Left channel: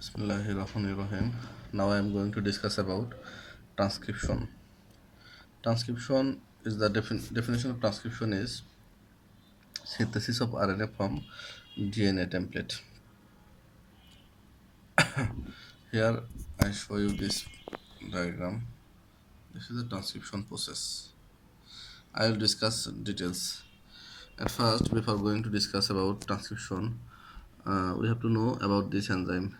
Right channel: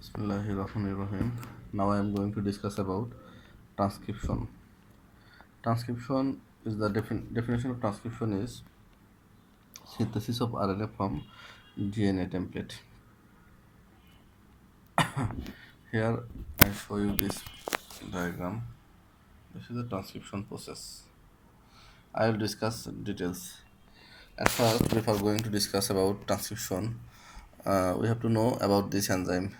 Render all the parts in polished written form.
Bismillahirrahmanirrahim. Now I am going to discuss about transcription. Transcription is the definition of transcription is synthesis of RNA from DNA template. Here I show you this diagram. This is the transcription process. I will discuss details. At first, before going to discuss about transcription, we have to know about this enzyme.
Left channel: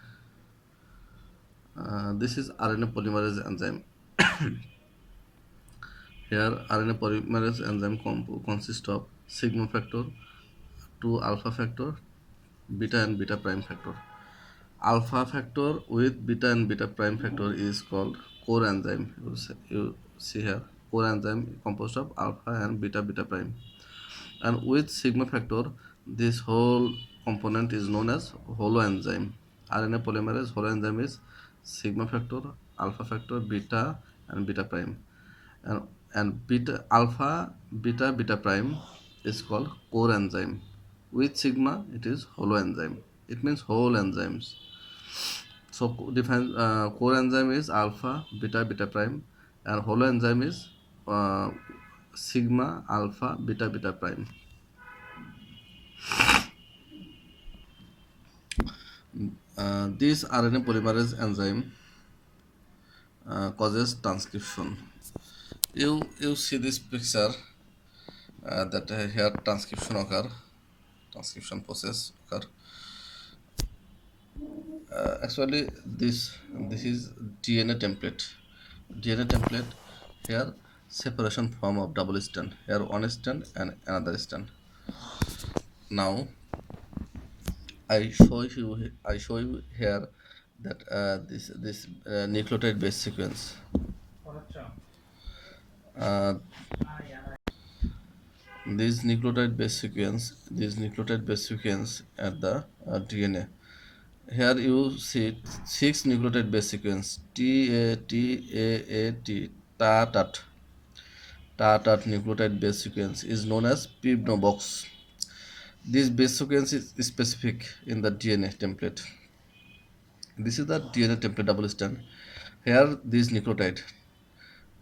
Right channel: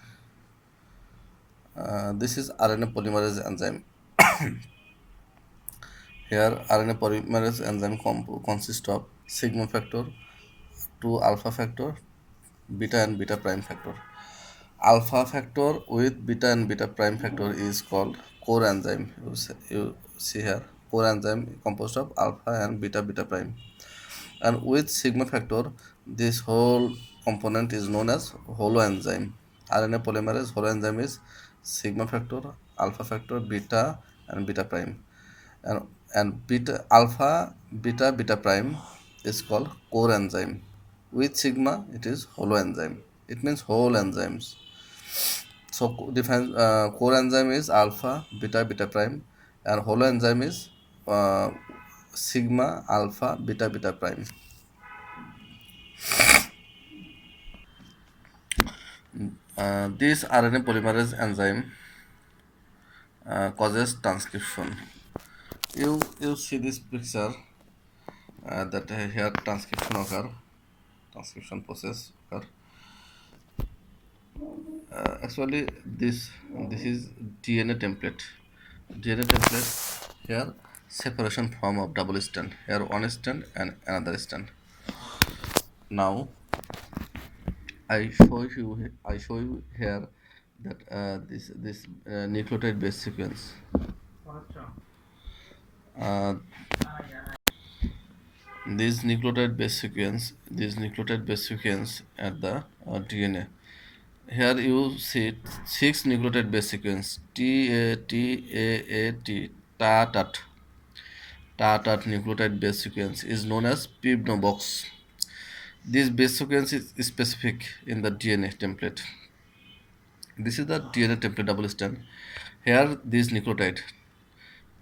This is RNA polymerase enzyme. Here, RNA polymerase enzyme consists of sigma factor, 2 alpha factor, beta and beta prime factor. Alpha factor with beta and beta prime factor is called core enzyme. You see here, core enzyme composed of alpha and beta prime. And with sigma factor, this whole component is known as holoenzyme. RNA polymerase holoenzyme is sigma factor, alpha factor, beta and beta prime. And beta alpha beta prime is called core enzyme. With sigma, it is holoenzyme. It means whole enzymes. So define core enzyme is alpha beta prime, and holoenzyme is sigma alpha beta prime. This RNA polymerase enzyme causes transcription. You see this picture that here transcription process occur. Actually, this is DNA template. DNA template here separation form of double strand. Here one strand and another strand. Now I show you here that this nucleotide base sequence. This nucleotide base sequence at the DNA. Here you see 6 nucleotide base sequence TAT nucleotide base sequence is known as PIBNO box. This base sequence is specific in the DNA template. This is the DNA template double strand. Here this nucleotide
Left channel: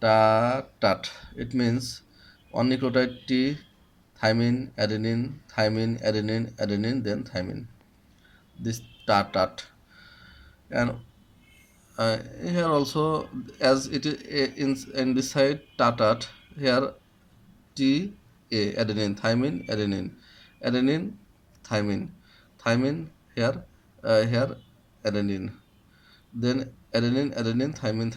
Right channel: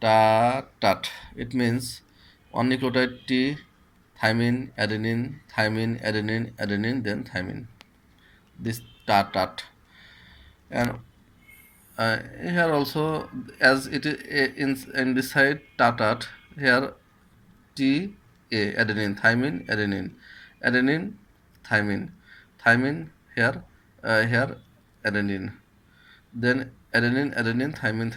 TAT, it means one nucleotide T, thymine, adenine, then thymine. This TAT. And here also, as it is in this side TAT, here T A adenine, thymine, thymine here adenine, then adenine, thymine,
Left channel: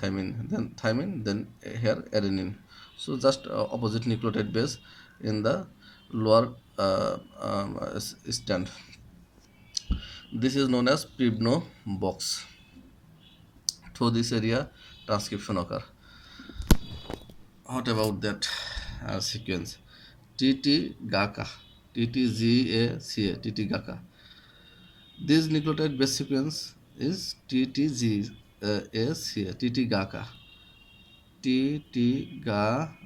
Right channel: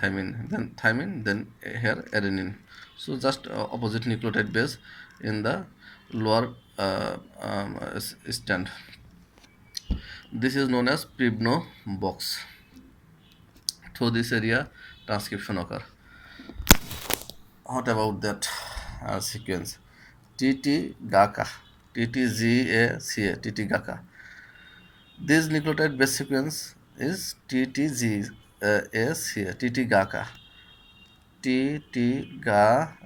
then thymine, then here adenine. So just opposite nucleotide base in the lower stand. This is known as PIBNO box. Through this area, transcription occur. What about that sequence? TT GACA, TT-GACA. This nucleotide base sequence is TT-GACA, TT-GACA, TT-GACA.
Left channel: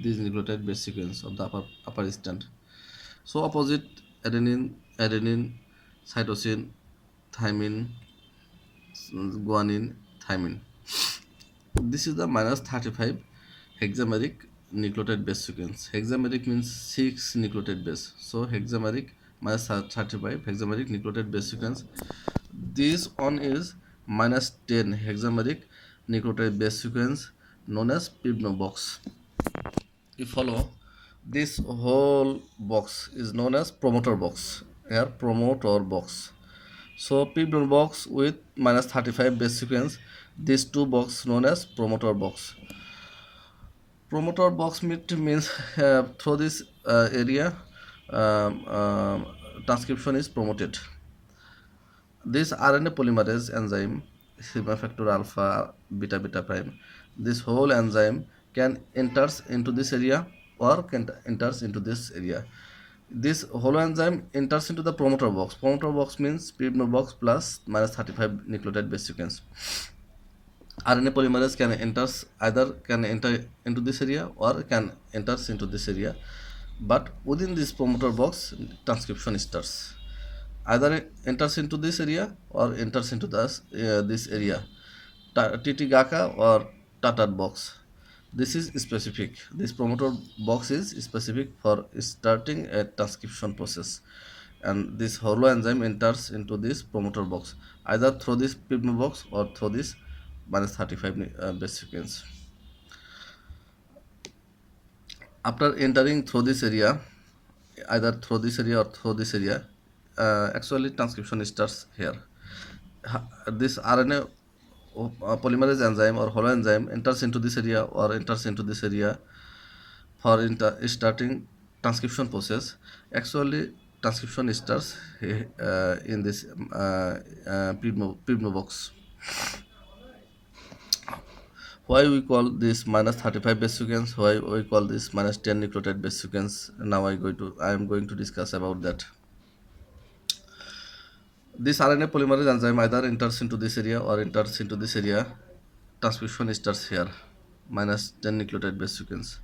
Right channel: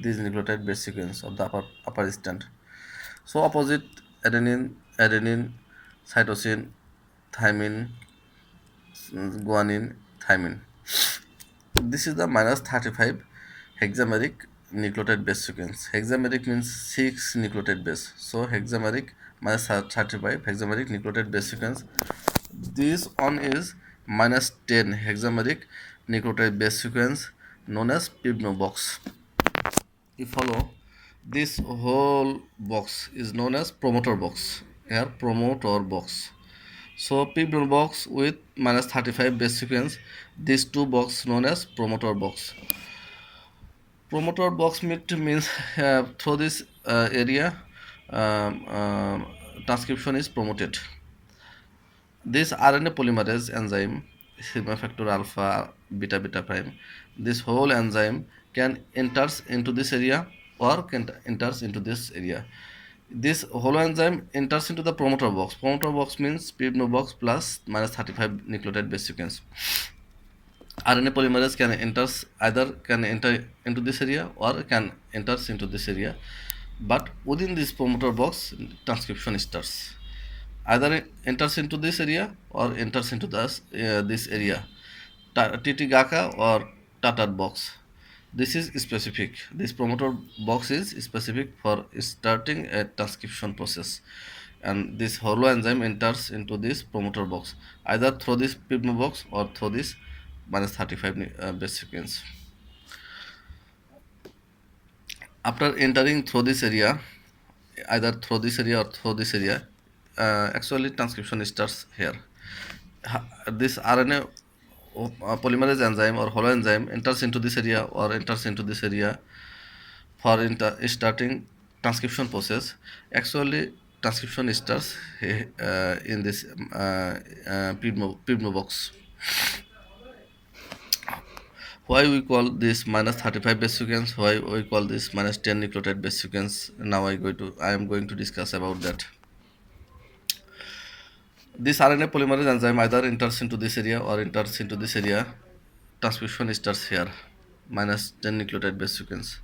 This nucleotide base sequence of the upper strand. So opposite adenine, cytosine, thymine, guanine, thymine. This is the -35 hexameric nucleotide base sequence. Hexameric means 6 nucleotide base. So hexameric -35 hexameric nucleotide base sequence. This one is -10 hexameric nucleotide base sequence known as PIBNO box. You follow, this whole box is known as promoter box. Here promoter box. So PIBNO box with -35 base sequence. These two boxes known as promoter box. Promoter box means through this area transcription is promoted. This RNA polymerase enzyme, sigma factor alpha beta prime, this whole enzyme can enters into this area or can enters into this area. This holoenzyme enters into the promoter box. Promoter box means PIBNO box plus -35 nucleotide base sequence. RNA polymerase can enter into this area or can enters into this area, but within this promoter box transcription starts. either it enters into this area or enters into this area, Titigaka or Tatar box. This is specific. This promoter box is specific for starting a transcription process, and this holoenzyme enters into this promoter box either through this plasma box or through this minus 35 base sequence. After entering through this area, either through this area or through this area, actually transcription starts here. This RNA polymerase enzyme or holoenzyme enters into this area or enters into this area for starting transcription process. Actually, transcription starts in this plasma box. Why we call this minus 35 base sequence? Why we call this minus 10 nucleotide base sequence? Now I am going to discuss about that. This RNA polymerase enzyme either enters into this area or enters into this area. Transcription starts here, minus 10 nucleotide base sequence.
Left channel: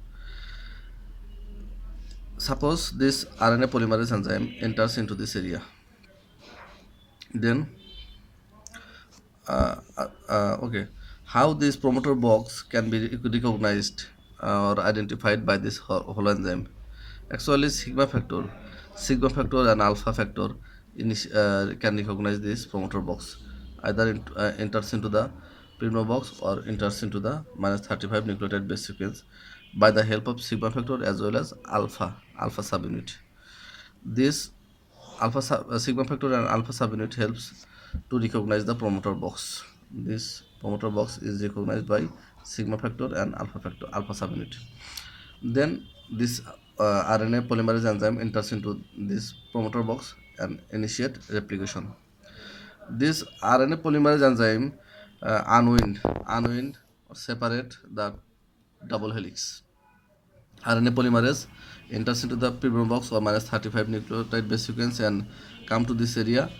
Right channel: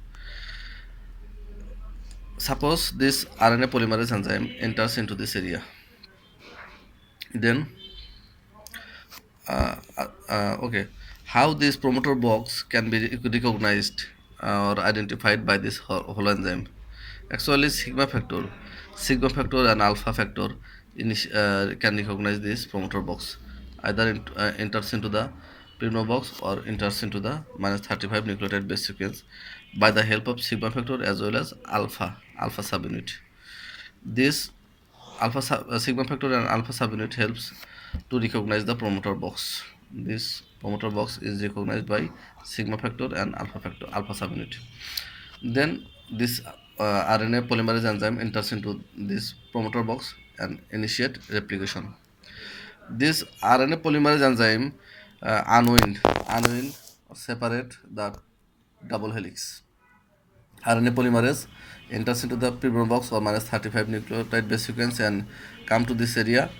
Suppose this RNA polymerase enzyme enters into this area. Then, okay, how this promoter box can be recognized or identified by this holoenzyme? Actually, sigma factor and alpha factor can recognize this promoter box. Either enters into the plasma box or enters into the minus 35 nucleotide base sequence by the help of sigma factor as well as alpha subunit. This sigma factor and alpha subunit helps to recognize the promoter box. This promoter box is recognized by sigma factor and alpha subunit. Then this RNA polymerase enzyme enters into this promoter box and initiate replication. This RNA polymerase enzyme unwind or separate the double helix. RNA polymerase enters into the plasma box or minus 35 nucleotide base sequence and come to this area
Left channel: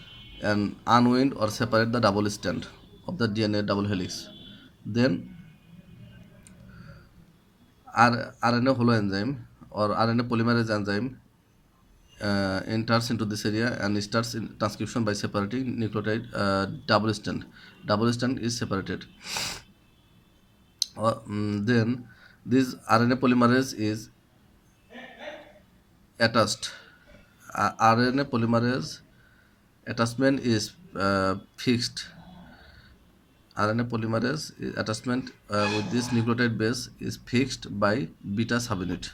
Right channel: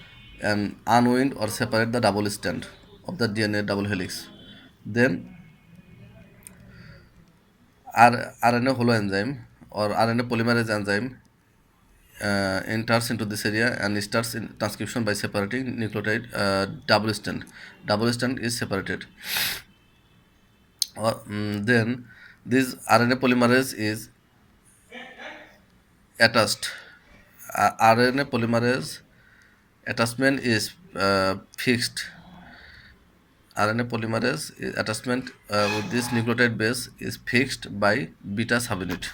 and unwind or separate the double strand of the DNA double helix. Then RNA holoenzyme or RNA polymerase enzyme enters into this area and starts in transcription by separating nucleotide double strand. Double strand is separated. Then this RNA polymerase is attached. RNA polymerase attachment is fixed. RNA polymerase attachment with this nucleotide base is fixed by beta subunit.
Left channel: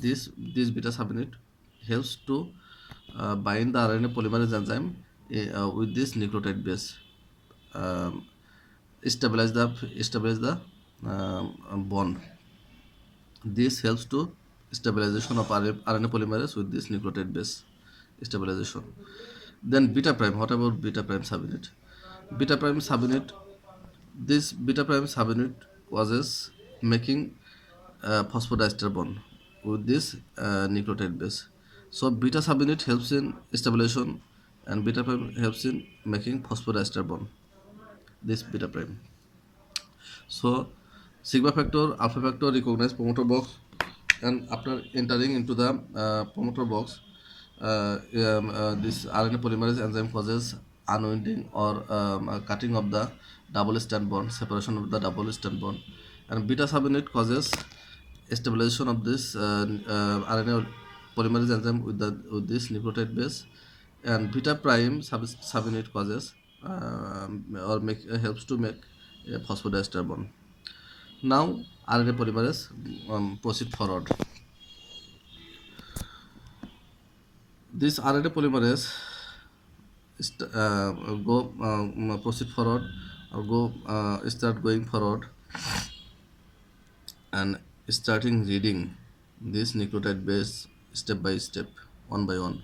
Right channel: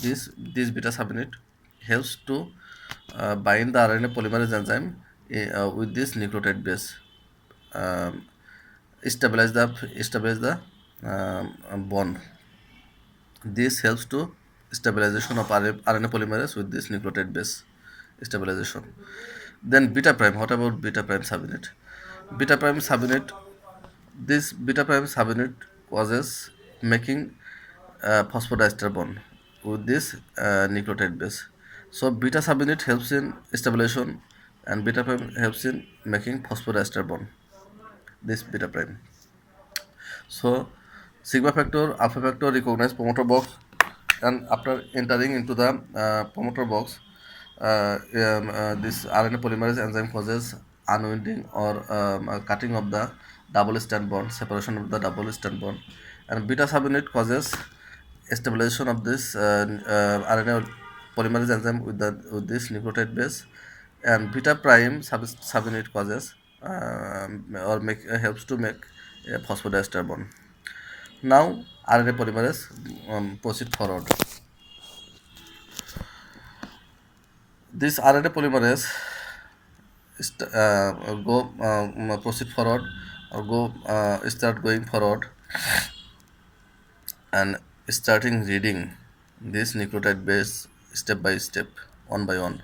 This beta subunit helps to bind the RNA polymerase enzyme with this nucleotide base, stabilize the bond. This helps to stabilization of RNA polymerase with this nucleotide base stabilization. Then beta prime. What about beta prime subunit? Beta prime subunit. This beta prime subunit causes making phosphodiester bond with this nucleotide base. So beta subunit helps in stabilization and beta prime helps in making phosphodiester bond. This beta prime. So sigma factor, alpha factor recognize promoter box, and after entering into the promoter box, this RNA polymerase enzyme causes unwinding or cutting of the double strand bond, separation of the double strand bond, and beta subunit causes stabilization of this RNA polymerase enzyme with this nucleotide base, and beta prime subunit causes or helps to make a phosphodiester bond. Now RNA polymerase proceed forward. This RNA polymerase proceed forward or start going forward and starting reading this nucleotide base step by step, one by one.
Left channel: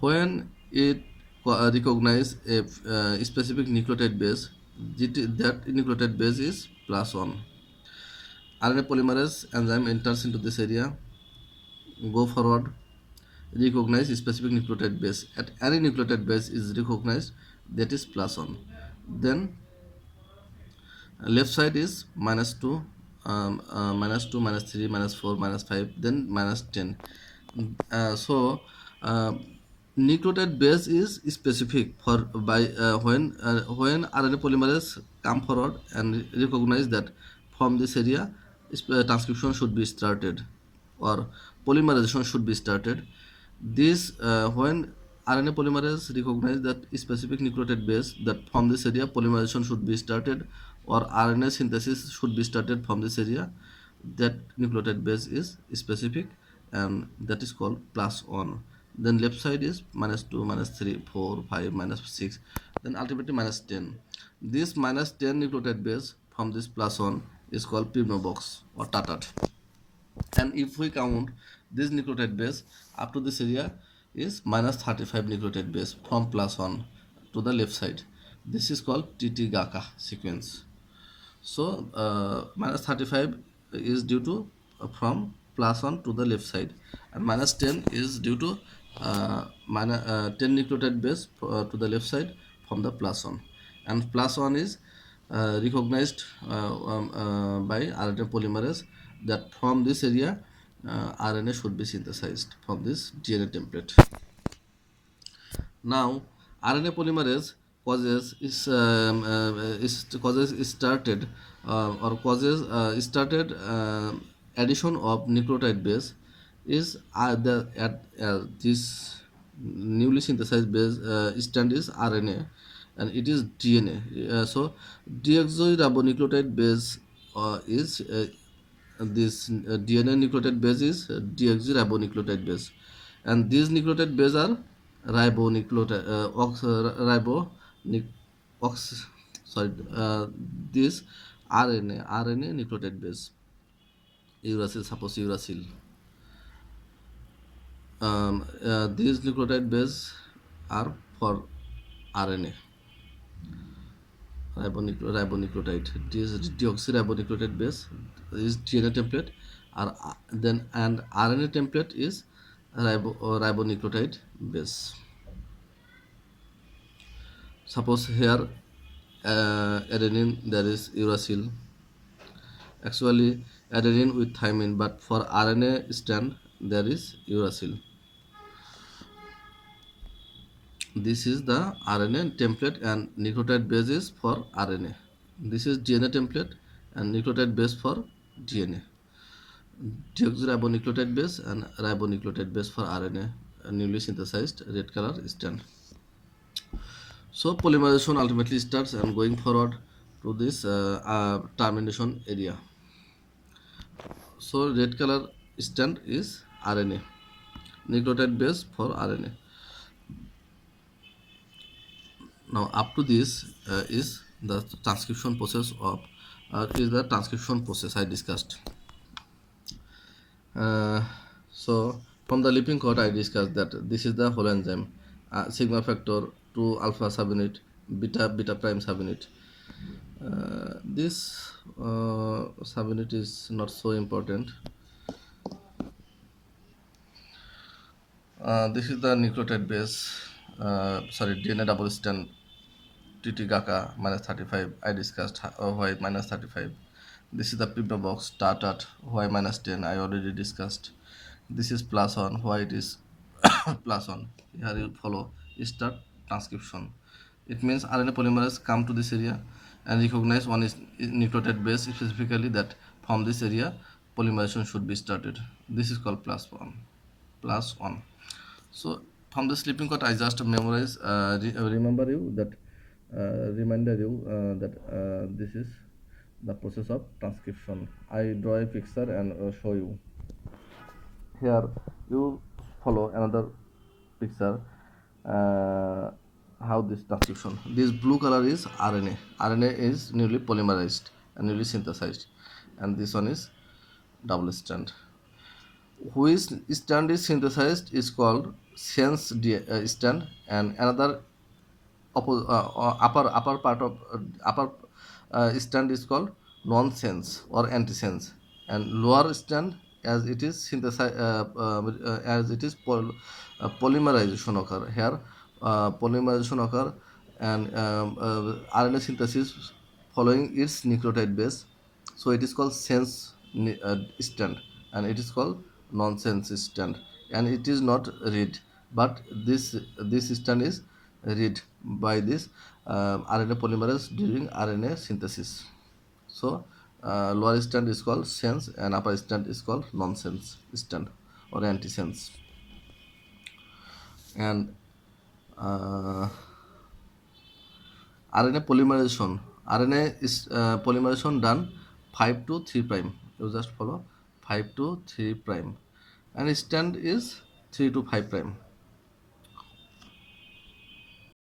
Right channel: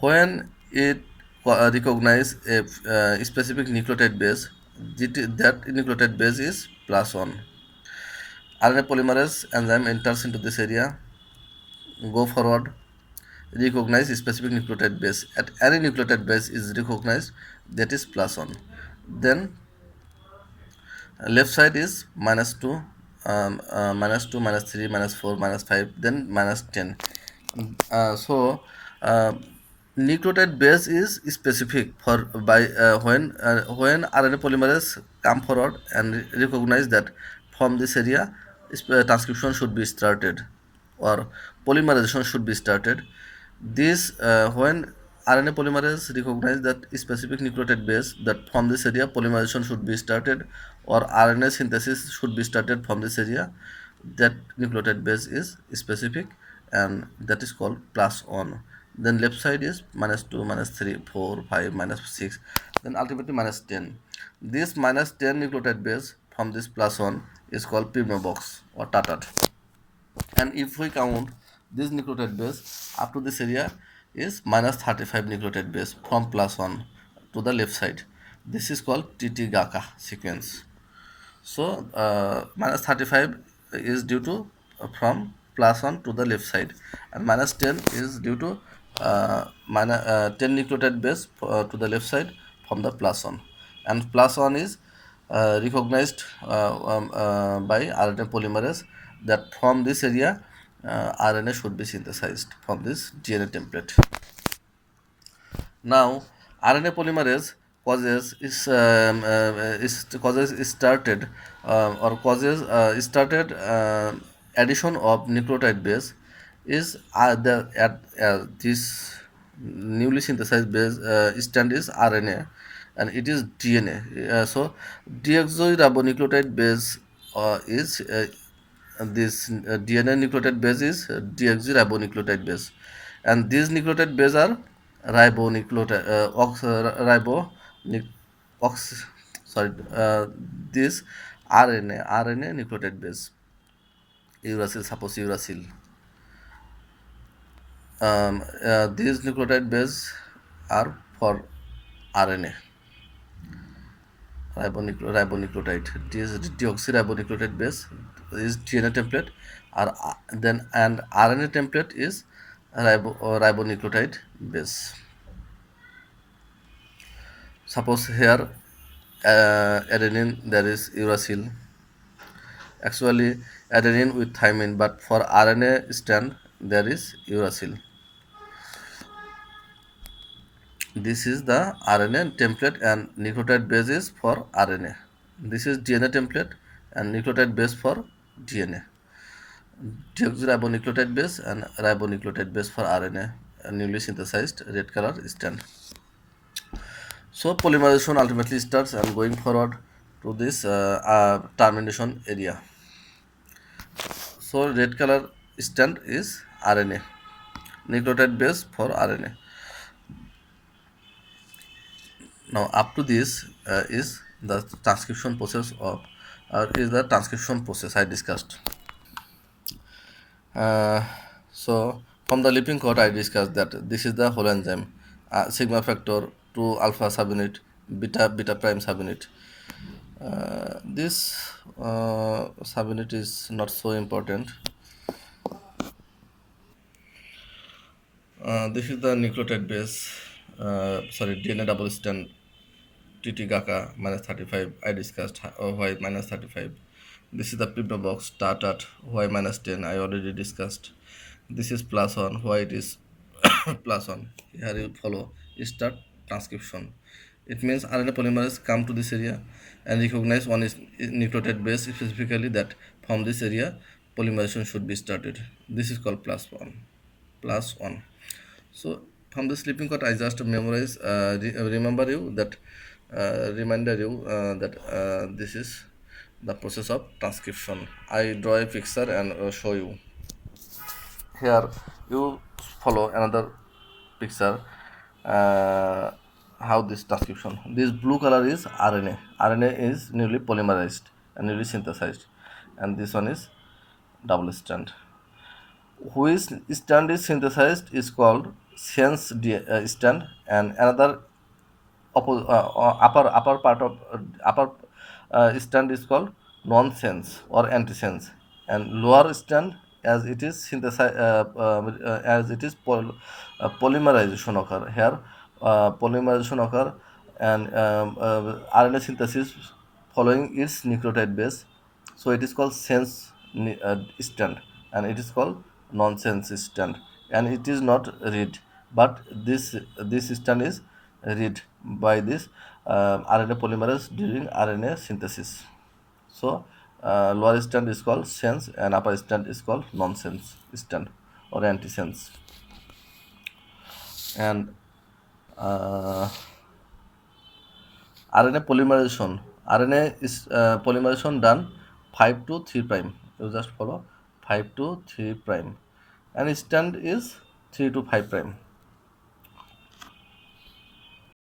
When it recognize a specific nucleotide base, that nucleotide base is +1. RNA polymerase enzyme enters into this area, go forward, recognize specific nucleotide base. At any nucleotide base is recognized, that is +1. Then left side is -2, -2, -3, -4, -5, then -10. So Nucleotide base is specific for by when RNA polymerase come forward and recognize that from this area transcription should be started or polymerization should be started. This when RNA polymerase recognize that specific nucleotide base that from this area polymerization should be started or RNA synthesis should be started from this area, that nucleotide base is specific and that is called plus 1. Then left side is minus 2, minus 3, 4, 5, minus 6, then ultimately minus 10. This minus 10 nucleotide base from this plus 1 is called pivno box or tatat. And if we count this nucleotide base up to this area is minus 35 nucleotide base from plus 1 to the left side. This is called TT-GACA sequence. So minus 35 is due to from plus 1 to the left side, and minus 10 is due to 10 nucleotide base to the left side from the plus 1, and plus 1 is recognized by RNA polymerase that from this area RNA should be synthesized from this DNA template. Now, RNA polymerase causes started or causes started addition of nucleotide base is the at this newly synthesized base stand is RNA and it is DNA. So deoxyribonucleotide base is this DNA nucleotide base is deoxyribonucleotide base, and these nucleotide base are ribonucleotide ox, sorry this RNA nucleotide base uracil, suppose uracil. These nucleotide base are for RNA ribonucleotide. This deoxyribonucleotide base is DNA template, or then and RNA template is ribonucleotide base. Suppose here adenine there is uracil, actually adenine with thymine, but for RNA stand there is uracil. This is the RNA template and nucleotide base is for RNA. This is DNA template and nucleotide base for DNA. Deoxyribonucleotide base and ribonucleotide base for RNA, newly synthesized red color stand. So polymerization ultimately starts and going forward to this termination area. So red color stand is RNA, nucleotide base for RNA. Now up to this is the transcription process of is the transcription process I discussed. So from the looping code I discussed that this is the whole enzyme, sigma factor to alpha subunit, beta prime subunit. This subunit is not so important. This is the nucleotide base, DNA double strand TT-GACA minus 35 I discussed why minus 35. This is the pivno box tatat why minus 10 I already discussed. This is plus 1 why it is plus 1. Here you follow start transcription. It means RNA polymerase come to this area and recognize one is nucleotide base specifically that from this area polymerization should be started. This is called plus 1. Plus 1. So from the sleeping code I just memorize remember you that reminder you that this is the process of transcription. I draw a picture and show you. Here you follow another picture how this transcription. This blue color is RNA. RNA is newly polymerized and newly synthesized, and this one is double strand. Which strand is synthesized is called sense strand, and another upper part of upper strand is called nonsense or antisense, and lower strand as it is synthesized as it is polymerization occur here, polymerization occur and RNA synthesis following its nucleotide base, so it is called sense strand and it is called nonsense strand, and it is not read but this strand is read by this RNA polymerase during RNA synthesis. So lower strand is called sense and upper strand is called nonsense strand or antisense. And uh, RNA polymerization. RNA is polymerization done 5 to 3 prime. You just follow 5 to 3 prime. And strand is 3 to 5 prime.